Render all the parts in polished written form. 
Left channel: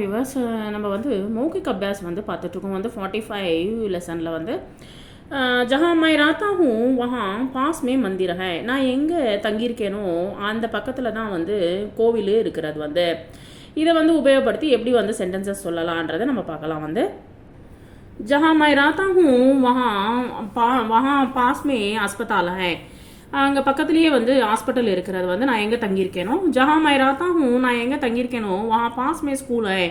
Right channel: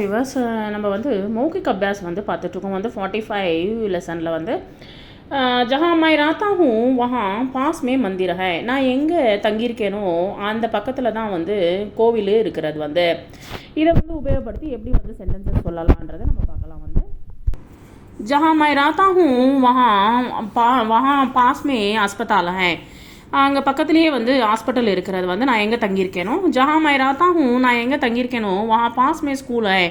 Viewers நம்ம வந்து மௌகிக் அபியாஸ் வந்து பார்த்துட்ருக்கோம் வந்து 45 லெசனில் வந்து ஜஹா மை ராத்தா ஹூம் வஹா பாஸ் மே மந்திர் ஹை. நான் எங்கே தங்கியிருக்கேனோ அந்த பக்கத்தில் தான் வந்து கோவில் இருக்கிறது வந்து. இதை வந்து உபயோகப்படுத்தி எப்படி வந்து சென்டென்சஸ் சொல்லலான்றதை நம்ம பார்க்கலாம் வந்து. ஜஹா மை ராத்தா ஹூம் வஹா பாஸ் மே அஸ்பதால் ஹை. அங்கே பக்கத்துலேயே வந்து ஹாஸ்பிட்டல் இருக்கிறது வந்து நான் எங்கே தங்கியிருக்கேனோ. ஜஹா மை ராத்தா ஹூம் நான் எங்கே தங்கியிருக்கேனோ வஹா பாஸ் மே ஸ்கூல் ஹை.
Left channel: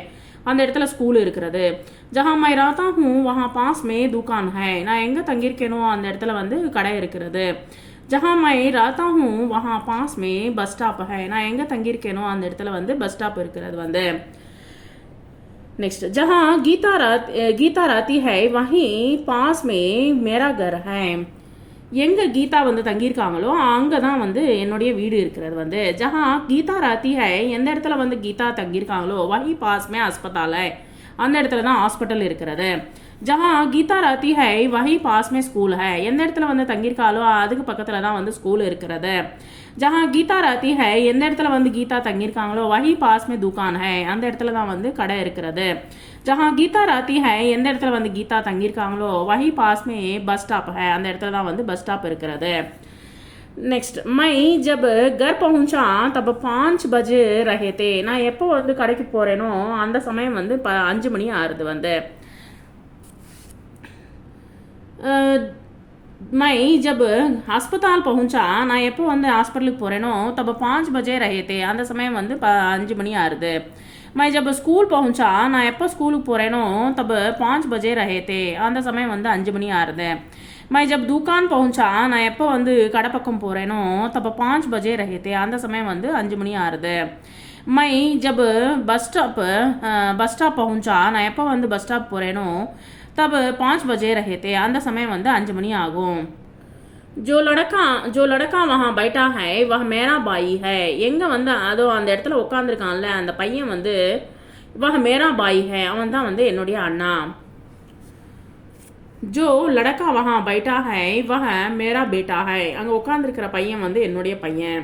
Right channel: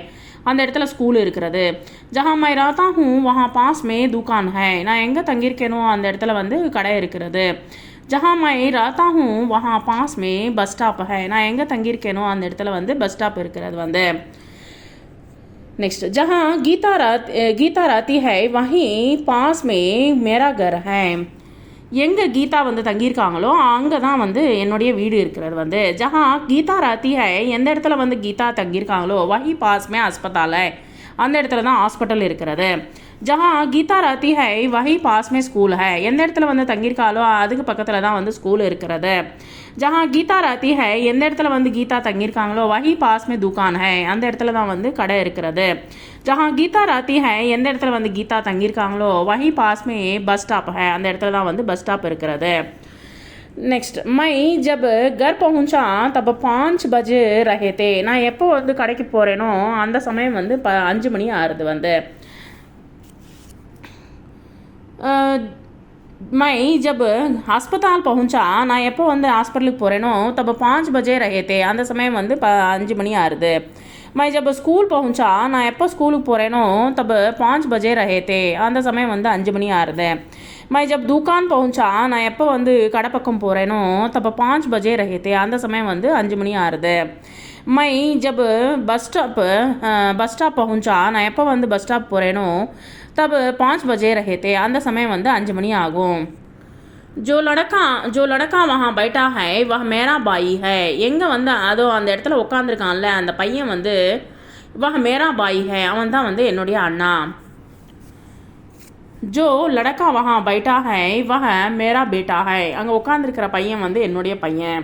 அந்த இடத்துல ஸ்கூல் இருக்கிறது. ஜஹா மை ராத்தா ஹூம் வஹா பாஸ் மே துகான் ஹை. நான் எங்கே தங்கியிருக்கேனோ அந்த இடத்துல வந்து கடை இருக்கிறது. ஜஹா மை ராத்தா ஹூம் வஹா பாஸ் மே பஸ் ஸ்டாப் ஹை. நான் எங்கே தங்கியிருக்கேனோ அந்த இடத்துல வந்து பஸ் ஸ்டாப் இருக்கிறது வந்து. नेक्स्ट जहाँ गीता रहती है वहीं पास में मेरा घर है. எங்கே கீதா வந்து தங்கியிருக்காங்களோ அங்கே தான் வந்து என்னுடைய வீடு இருக்கிறது வந்து. ஜஹா கீதா ராத்தி ஹை எந்த இடத்துல வந்து கீதா தங்கியிருக்காங்களோ வஹி பாஸ் மே அஸ்பதால் ஹை. அந்த இடத்துல தான் ஹாஸ்பிட்டல் இருக்கிறது. ஜஹா கீதா ராத்தி ஹை வஹி பாஸ் மே ஸ்கூல் ஹை. எந்த இடத்துல வந்து தங்கியிருக்காளோ அதுக்கு பக்கத்தில் தான் வந்து ஸ்கூல் இருக்கிறது. ஜஹா கீதா ராத்தி ஹை எந்த இடத்துல வந்து கீதா தங்கியிருக்காங்களோ வஹி பாஸ் மே துகான் ஹை. அந்த இடத்துல தான் வந்து கடை இருக்கிறது. ஜஹா கீதா ராத்தி ஹை எந்த இடத்துல வந்து கீதா தங்கியிருக்காங்களோ வஹி பாஸ் மே பஸ் ஸ்டாப் ஹை. அந்த இடத்துல தான் வந்து பஸ் ஸ்டாப் இருக்கிறது. நெக்ஸ்ட் மை ஜப் கர் பहुंचा தப் 5 பஜே ரஹே தே. நான் எப்போ வந்து கடைக்கு போகிறேனோ அந்த சமயம் வந்து 5 மணி ஆறுது வந்து. மை ஜப் ஹாஸ்பத்தால் பहुंचा நான் எப்போ வந்து ஹாஸ்பிட்டலுக்கு போகிறேனோ தப் 5 பஜே ரஹே தே. அந்த சமயம் வந்து 5 மணி ஆறுது. மை ஜப் ஸ்கூல் பहुंचा நான் எப்போ ஸ்கூலுக்கு போகிறேனோ தப் 5 பஜே ரஹே தே. அந்த சமயம் வந்து 5 மணி ஆறுது. மை ஜப் துகான் பहुंचा நான் எப்போ வந்து கடை பக்கம் போகிறேனோ தப் 5 பஜே ரஹே தே. அந்த சமயம் வந்து 5 மணி ஆறுது. மை ஜப் பஸ் ஸ்டாப் பहुंचा நான் எப்போ வந்து பஸ் ஸ்டாப் போகிறேனோ तब 5 बजे रहे थे. அந்த சமயம் வந்து 5 மணி ஆகும். जो लड़का वहाँ बैठा है वह मेरा भाई है. எங்கே வந்து அதோ அந்த இடத்துல உட்காந்துருக்கான்ல அந்த பையன் வந்து वह मेरा भाई है. அவன் தான் வந்து என்னுடைய அண்ணா. जो लड़का वहाँ बैठा है वह मेरा बेटा है. அங்கே உட்காந்துருக்கிற பையன் வந்து என்னுடைய பையன்.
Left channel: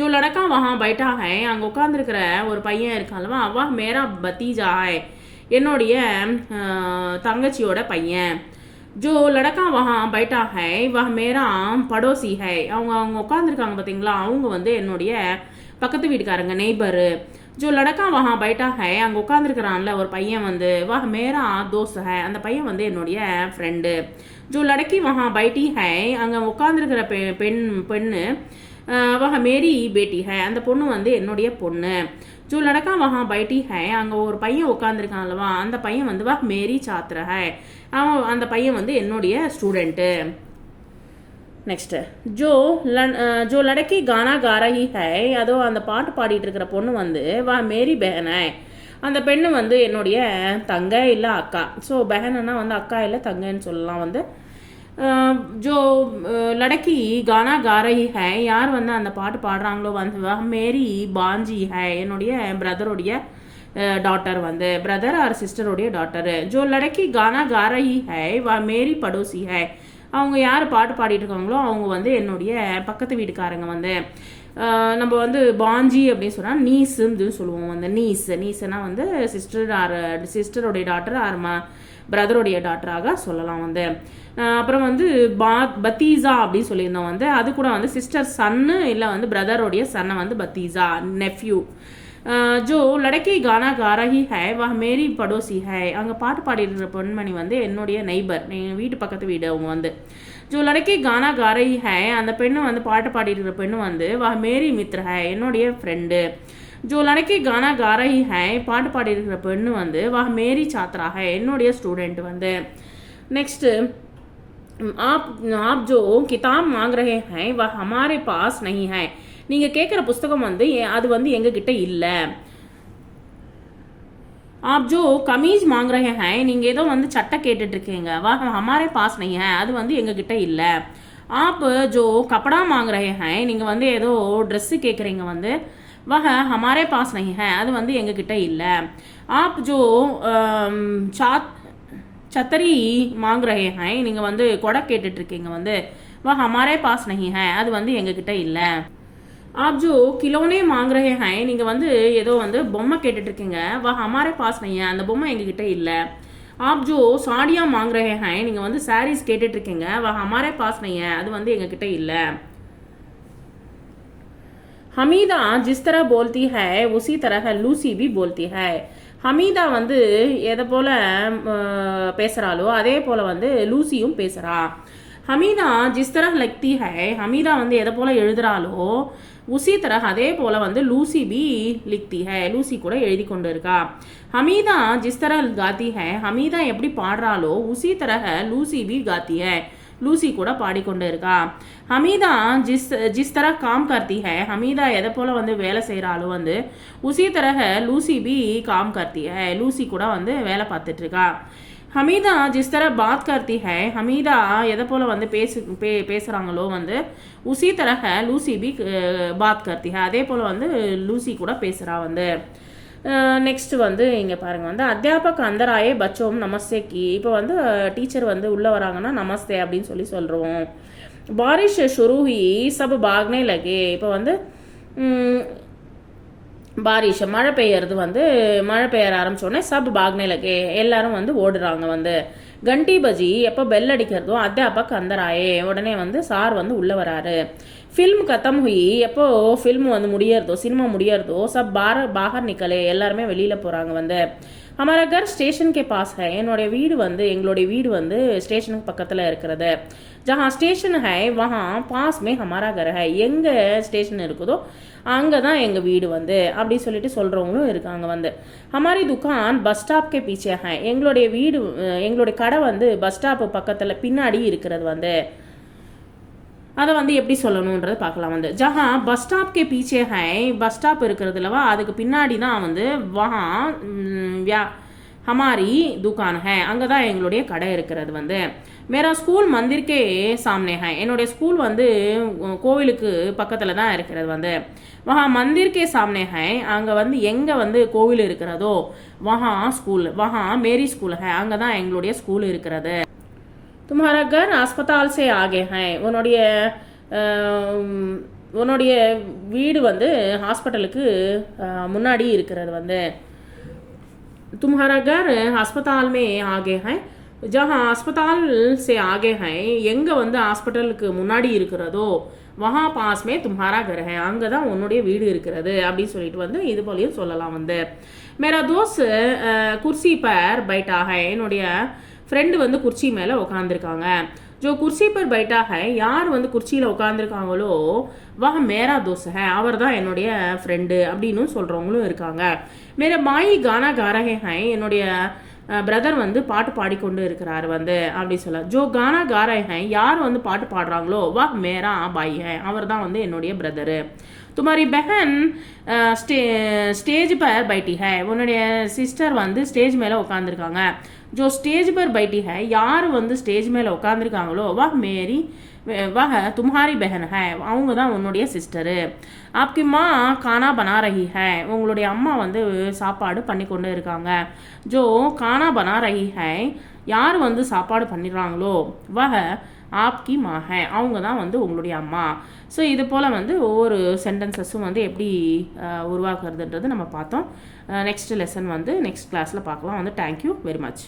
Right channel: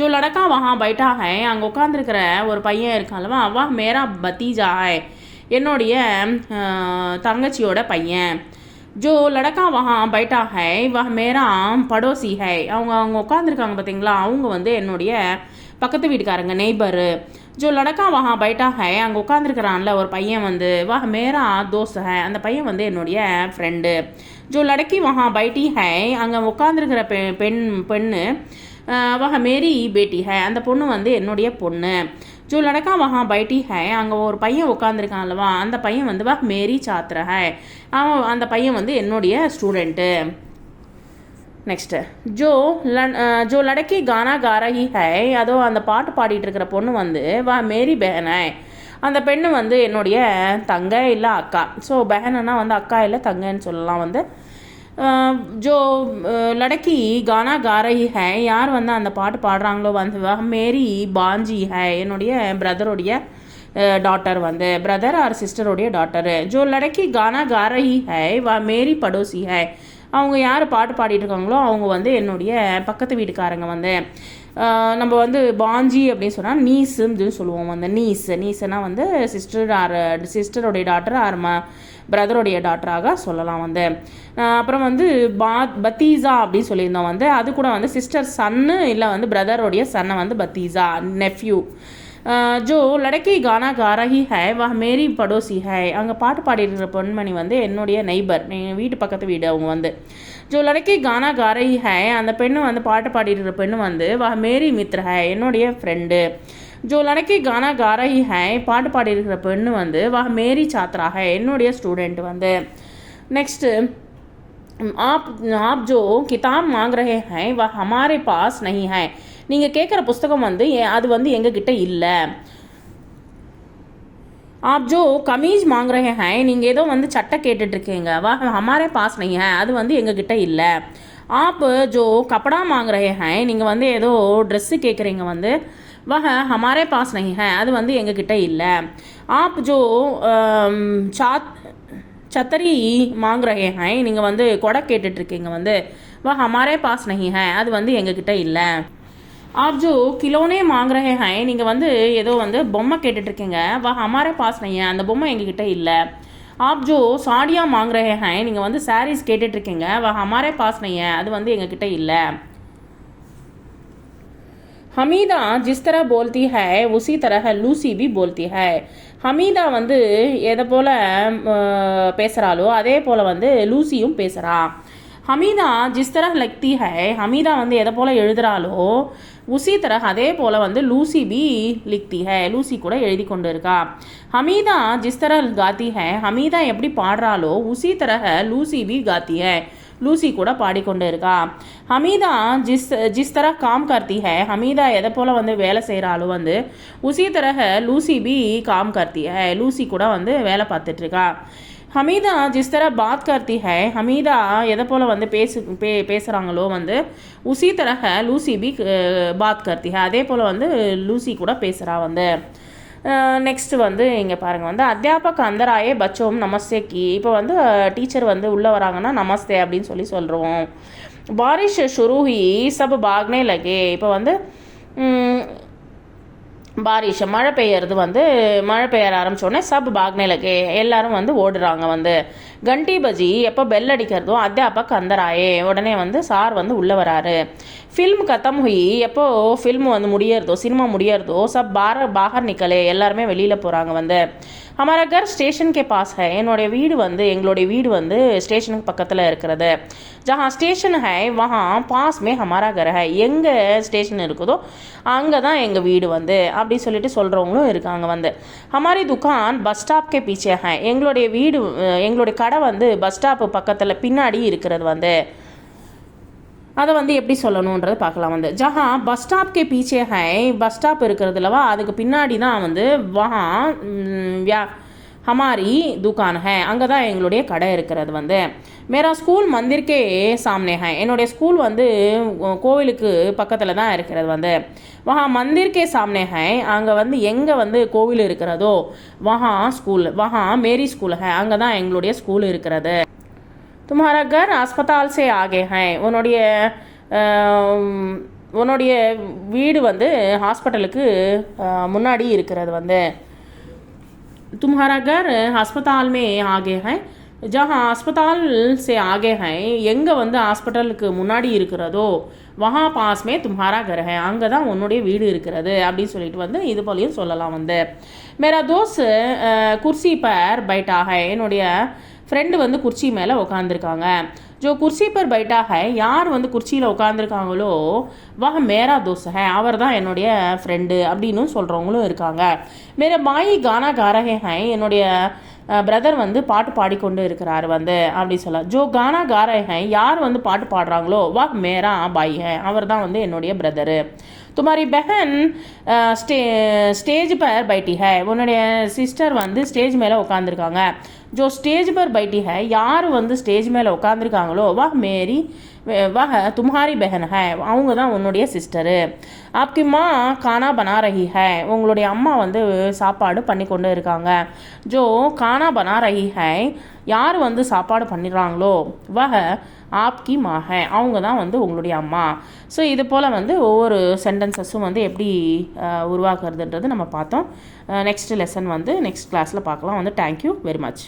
जो लड़का वहाँ बैठा है அங்கே உட்காந்துருக்கிற ஒரு பையன் இருக்கான்லவா वह मेरा भतीजा है. என்னுடைய தங்கச்சியோட பையன். ஜோ லடக்கா வஹா பைட்டா ஹை வஹ மேரா படோசி ஹை. அவங்க உட்காந்துருக்காங்க பார்த்தீங்களா அவங்க வந்து என்னுடைய பக்கத்து வீட்டுக்காரங்க நெய்பரு. ஜோ லடக்கா வஹா பைட்டா ஹை அங்கே உட்காந்துருக்கிறான்ல ஒரு பையன் வந்து வஹ மேரா தோஸ்த் ஹை. அந்த பையன் வந்து என்னுடைய ஃப்ரெண்டு. ஜோ லடக்கி வஹா பைட்டி ஹை அங்கே உட்காந்துருக்கிற பெண்ணு வஹ மேரி பேட்டி ஹை. அந்த பொண்ணு வந்து என்னுடைய பொண்ணு. ஜோ லடக்கா வஹா பைட்டி ஹை அங்கே ஒரு பையன் உட்காந்துருக்கான்லவா அந்த பையன் வந்து வஹ மேரி சாத்திர ஹை. அவன் அந்த பையன் வந்து என்னுடைய ஸ்டூடெண்ட்டு. நெக்ஸ்ட்டு ஜோ லடக்கி கானா காரஹி ஹை அதோ அந்த பாட்டு பாடிட்டு இருக்கிற பொண்ணு வந்து வஹ மேரி பெஹன் ஹை. அந்த பெண்ணு வந்து என்னுடைய தங்கை இல்லை அக்கா. ஸோ பெஹன்னா வந்து அக்கா இல்லை தங்கைன்னு சொல்லலாம் வந்து. ஜோ லடக்கி கானா காரஹி ஹை யார் வந்து அந்த பாட்டு பாடுறாங்களோ வந்து வஹ மேரி பாஞ்சி ஹை என்னுடைய பிரதருடைய டாட்டர் வந்து brother or சிஸ்டருடைய daughter. Joe லடக்கி Ghana காரஹி high வஹ Mary படோசி high. அவங்க யார் பாட்டு பாடிட்டு இருக்காங்களோ அவங்க வந்து என்னுடைய பக்கத்து வீட்டுக்காரங்க வந்து. நம்ம வந்து பாஞ்சி அப்படின்னு சொன்னால் நீஸுன்னு சொல்லுவோம் வந்து. நீஸ்னா வந்து சிஸ்டருடைய டாட்டர் ஆர் பிரதருடைய டாட்டராக சொல்லலாம் வந்து. அப்புறம் வந்து பத்தீசா அப்படின்னு சொல்லியிருந்தோம் வந்து. அது கூட வந்து சிஸ்டர் சன்னு இல்லை வந்து பிரதருடைய சன்னை வந்து பத்தீசா நெஃப்யூ. ஜோ லடக்கி கானா காரஹி ஹை வஹ மேரி படோசி ஹை அங்கே பாட்டு பாடிட்டு பொன்மணி வந்து என்னுடைய நெய்பர் எங்கள் வீட்டு பக்கத்து வீடு அவங்க வந்து. ஜோ லடக்கி கானா காரஹி ஹை அந்த பெண்ணு வந்து பாட்டு பாடிட்டு பெண்ணு வந்து வஹ மேரி மித்ர ஹை என்னுடைய ஃப்ரெண்டு. ஜோ லடக்கி கானா காரஹி ஹை பாட்டு பாடிருக்கிற பெண்ணு வந்து வஹ மேரி சாத்ரா ஹை என்னுடைய ஸ்டூடெண்ட் வந்து. நெக்ஸ்ட்டு आप जो किताब मांग रहे हैं वह हमारे पास नहीं है. நீங்கள் கேட்குற புஸ்தகம் வந்து அது வந்து எங்ககிட்ட இல்லை. आप जो कमीज मांग रहे हैं நீங்கள் ஏதோ வந்து சட்டை கேட்டுட்ருக்கீங்க वह हमारे पास नहीं है அது வந்து எங்ககிட்ட இல்லை. आप जो कपड़ा मांग रहे हैं நீங்கள் வந்து ஏதோ ட்ரெஸ்ஸு கேட்குறீங்க வந்து वह हमारे पास नहीं है அது வந்து எங்ககிட்ட இல்லை. आप जो சத்தரி மாங் ரஹே ஹை நீங்கள் வந்து கொடை கேட்டுட்ருக்கீங்க வந்து வா ஹமாரே பாஸ் நஹி ஹை அது வந்து எங்ககிட்ட இல்லை. आप जो खिलौने मांग रहे हैं நீங்கள் வந்து ஏதோ வந்து பொம்மை கேட்டுட்டு இருக்கீங்க वह हमारे पास नहीं है அந்த பொம்மை எங்ககிட்ட இல்லை आप जो साड़ियाँ मांग रहे हैं நீங்கள் வந்து sarees கேட்டுட்டு இருக்கீங்க वह हमारे पास नहीं है அது வந்து எங்ககிட்ட இல்லை हमीदा जिस तरह बोलती है उसी तरह लूसी भी बोलती है ஹமீதா வந்து எதை போல் பேசுகிறாளோ அதே போல் வந்து லூசியும் பேசுகிறா ஹமீதா ஜிஸ் தரஹ் லக்தி ஹை ஹமீதா வந்து எதை போல் எழுதுகிறாளோ உசி தரஹ் அதே போல் வந்து லூசி பி லிக்தி ஹை லூசி கூட எழுதி கொண்டு இருக்கா ஹமீதா ஜிஸ் தரஹ் காத்தி ஹை ஹமீதா எப்படி பாடுறாளோ உசி தரஹ் லூசி பி காத்தி ஹை லூசி கூட பாடிக்கொண்டு இருக்கா ஹமீதா ஜிஸ் தரஹ் காம் கர்த்தி ஹை ஹமீதா எதை போல் வந்து வேலை செய்கிறாளோ வந்து உசி தரஹ் லூசி பி காம் கர்த்தி ஹை லூசி கூட வந்து வேலை பார்த்துட்ருக்கா ஹமீதா ஜிஸ் தரஹ் பாத் கர்த்தி ஹை ஹமீதா எதை போல் வந்து பேசுகிறாங்களோ வந்து உசி தரஹ் லூசி பி பாத் கர்த்தி ஹை அதே போல் வந்து லூசி கூட பேசுகிறா வந்து நெக்ஸ்ட் வந்து இங்கே பாருங்கள் வந்து அத்தியாபக் அந்தராயே பச்சோம் நமஸ்தே கி இப்போ வந்து டீச்சர் வந்து உள்ளே வராங்கன்னா நமஸ்தே அப்படின்னு சொல்கிறோம் பாரிஷ் ஷுரூஹி சப் பாக்னே லகே இப்போ வந்து பாரிஷ் மழை பெய்யறது வந்து மழை பெய்ய ஆரம்பித்தோடனே சப் பாக்னே லகே எல்லாரும் வந்து ஓடுறாங்க வந்து கண்டி பஜி எப்போ பெல் அடிக்கிறதோ அத்தியாபக் அந்தராயே உடனே வந்து சார் வந்து உள்ளே வராரு ஃபில்ம் கத்தம் ஹுயி எப்போ ஃபில்ம் வந்து முடியறதோ சினிமா முடியறதோ சப் பாகர் நிக்கலே எல்லாருமே வெளியில் போகிறாங்க வந்து हमारा घर स्टेशन के पास है என்னுடைய வீடு வந்து எங்களுடைய வீடு வந்து ஸ்டேஷனுக்கு பக்கத்தில் இருக்கிறது जहाँ स्टेशन है वहाँ पास में हमारा घर है எங்கே ஸ்டேஷன் இருக்குதோ அங்கே தான் எங்கள் வீடு வந்து அப்படி சொல்லிட்டு சொல்கிறவங்களும் இருக்காங்க வந்து हमारी दुकान பஸ் ஸ்டாப் கே பீச்சே है எங்களுடைய வீடு எங்களுடைய கடை வந்து பஸ் ஸ்டாப்பு பக்கத்தில் பின்னாடி இருக்கிறது வந்து அதை வந்து எப்படி சொல்லணுன்றது பார்க்கலாம் வந்து ஜஹா பஸ் ஸ்டாப் கே பீச்சே ஹை பஸ் ஸ்டாப் இருக்கிறதுலவா அதுக்கு பின்னாடி தான் வந்து வஹா ஹமாரி துக்கான் ஹை அங்கே தான் எங்களுடைய கடை இருக்கிறது வந்து மேரா ஸ்கூல் மந்திர்கே சாம்னே ஹை என்னுடைய ஸ்கூல் வந்து கோவிலுக்கு பக்கத்தில் தான் இருக்கிறது வந்து வஹா மந்திர்கே சாம்னே ஹை அங்கே வந்து எங்கே வந்து கோவில் இருக்கிறதோ வஹா ஸ்கூல் வஹா மேரி ஸ்கூல் ஹை அங்கே தான் எங்களுடைய ஸ்கூல் இருக்கிறது तुम्हारा घर अस्पताल से आगे है உன்னுடைய வீடு வந்து ஹாஸ்பிட்டலுக்கு முன்னாடி இருக்கிறது வந்து तुम्हारा घर अस्पताल में आगे है जहाँ अस्पताल से आगे है எங்கே வந்து ஹாஸ்பிட்டலுக்கு முன்னாடி இருக்கிறதோ वहाँ पास में तुम्हारा घर है அங்கே தான் உன்னுடைய வீடு இருக்கிறது அப்படின்னு சொல்லிட்டு வந்து இது போலையும் சொல்லலாம் வந்து मेरा दोस्त कुर्सी पर बैठा है என்னுடைய ஃப்ரெண்டு வந்து குர்சி மேலே உட்காந்துருக்காங்க ஜோ குர்சி பர் பைட்டா ஹை யார் வந்து குர்சியில் உட்காந்துருக்காங்களோ வஹ மேரா தோஸ் ஹை அவர் தான் என்னுடைய ஃப்ரெண்டு அப்படின்னு சொல்கிறவங்களும் இருக்காங்க மேரா மாயி கானா காரஹே ஹை என்னுடைய பிரதர் வந்து பாட்டு பாடிக்கொண்டு இருக்கிறார் வந்து அப்படி சொல்லலாம் ஜோ கானா காரஹே ஹை யார் வந்து பாட்டு பாடுறாங்களோ வஹ மேரா பாய் ஹை அவர் தான் வந்து என்னுடைய பிரதரு तुम्हारी बहन स्टेज पर बैठी है உன்னுடைய சிஸ்டர் வந்து ஸ்டேஜ் மேலே உட்காந்துருக்காங்க जो स्टेज पर बैठी है யார் வந்து ஸ்டேஜ் மேலே உட்காந்துருக்காங்களோ वह तुम्हारी बहन है அவங்க தான் உன்னுடைய சிஸ்டரு आपकी माँ खाना बना रही है உங்களுடைய அம்மா வந்து சாப்பாடு பண்ணி கொண்டு இருக்காங்க जो खाना बना रही है யார் வந்து சாப்பாடு பண்ணிடுறாங்களோ वह आपकी माँ है அவங்க தான் வந்து உங்களுடைய அம்மா ஸோ இது போல் வந்து ஒவ்வொரு சென்டென்சஸும் வந்து எப்படி உருவாக்குறதுன்றது நம்ம பார்த்தோம் நெக்ஸ்ட் லெசன் வந்து நெக்ஸ்ட் கிளாஸில் பார்க்கலாம் வந்து தேங்க்யூ வெரி மச்